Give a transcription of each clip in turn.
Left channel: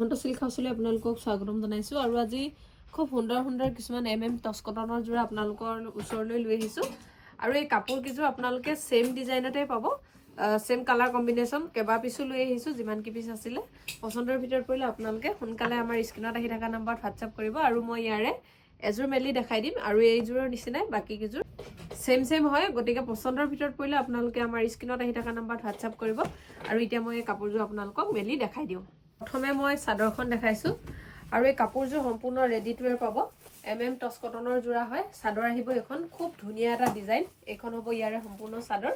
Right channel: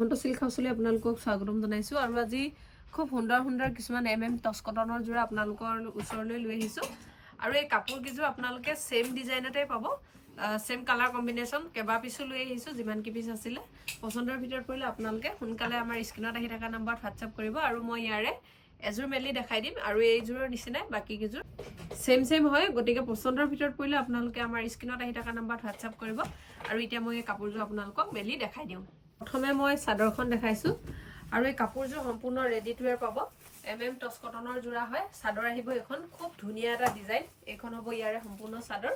Mahanta silk হাউচলৈ আপোনালোকক স্বাগতম জনাইছোঁ আৰু আজি খুব সুন্দৰ কিছুমান টচ কটনৰ যোৰা আপোনালোকৰ ওচৰলৈ লৈ আহিছোঁ আৰু এই কাপোৰ কিযোৰ আপোনালোকে সেম ডিজাইনতে পাব সেম কালাৰ কম্বিনেশ্যন কেবা পিছো লৈ আহিছোঁ যিমান কি পিছ আছিলে পছন্দৰ ভিতৰত পৰিলে আপোনালোকে সোনকালে আমাৰ স্ক্ৰীনত আহি থকা নম্বৰত হোৱাটছআপ কৰিব আৰু মই ইয়াৰে এযোৰ মেলি দেখাই দিম আৰু এইযোৰৰ নিচিনাই বাকি কিযোৰ সেম হয় গতিকে পছন্দৰ ভিতৰত পৰিলে আপোনালোকে আমাৰ স্ক্ৰীনত আহি থকা নম্বৰত হোৱাটছআপ কৰিব আৰু এতিয়া মই এই কাপোৰযোৰ আপোনালোকক মেলি দেখাই দিওঁ প্ৰথমে মই চাদৰখন দেখাইছোঁ আৰু এই কাপোৰযোৰ সম্পূৰ্ণ ৰেডি টু ৱেৰ পাব টচ কটনৰ যোৰা হয় চাদৰ আহিব এখন খুব ধুনীয়া এটা ডিজাইন এখন হ'ব ইয়াৰে সম্পূৰ্ণ চাদৰ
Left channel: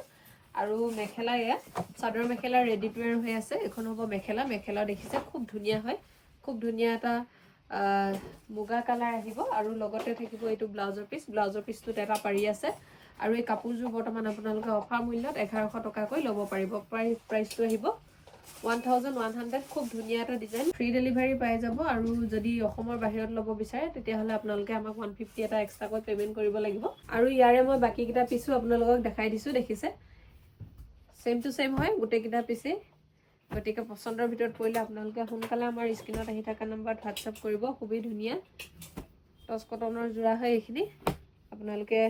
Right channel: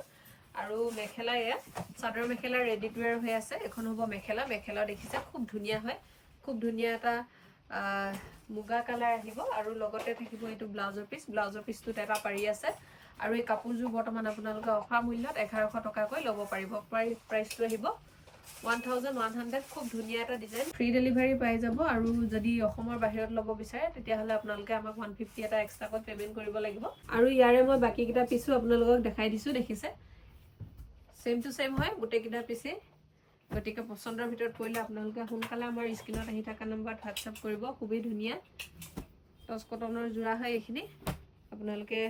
আৰু মেখেলা এয়া চাদৰ মেখেলা ৰেডি টু ৱেৰ হৈ আছে এখন হ'ব মেখেলা দেখিছে খুব ধুনীয়া হয় খুব ধুনীয়া এটা মুগা কালাৰ আহিব আৰু লগতে থাকিব এইটো ব্লাউজৰ পিছটোত এটা পাৰি আছে আৰু এই কাপোৰযোৰ বৰ্তমান আপোনালোকে অফাৰ মূল্যত 1100 টকাকৈ ল'ব পাৰিব প্ৰাইচটো আহিব 1100 খুব ধুনীয়া এটা ডিজাইন ফ্ৰী ডেলিভাৰী পাই যাব আৰু যদি অসমৰ বাহিৰত ল'ব বিচাৰে তেতিয়াহ'লে আপোনালোকে আমাক 150 এটা এক্সট্ৰাকৈ পেমেন্ট কৰিব লাগিব আৰু ইয়াৰে মই বাকি কিটা পিছো আপোনালোকক দেখাই দিছো দেখিছে সেম টু সেম হয় গোটেই কিটা পিছে গতিকে পছন্দৰ ভিতৰত পৰিলে আপোনালোকে সোনকালে আমাৰ স্ক্ৰীনত আহি থকা নম্বৰত হোৱাটছআপ কৰিব খুবেই ধুনীয়া টচ কটনৰ যোৰা হয় এইখিনি আপোনালোকে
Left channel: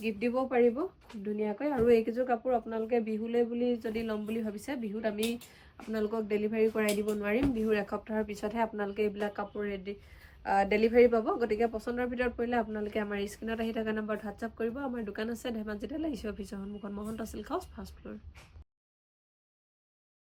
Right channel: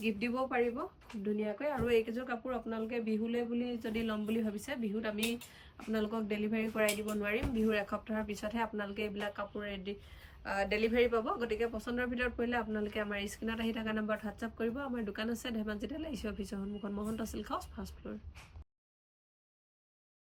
গিফট দিব পাৰিব ধুনীয়াকৈ আৰু এইকিযোৰ কাপোৰ আপোনালোকে বিহুলৈ বুলি যদি ল'ম বুলি ভাবিছে বিহুত আমি আপোনালোকক ডেলিভাৰী কৰাই দিব নোৱাৰিম বিহুৰ এসপ্তাহৰ পিছতহে আপোনালোকে এইবিলাক কাপোৰ ৰেডি ডেলিভাৰী পাব গতিকে পছন্দৰ ভিতৰত পৰিলে আপোনালোকে আমাৰ স্ক্ৰীনত আহি থকা নম্বৰত হোৱাটছআপ কৰিব আমাৰ দোকান আছে ধেমাজি তেল আইচি অফিচৰ সন্মুখত Mahanta silk house first floor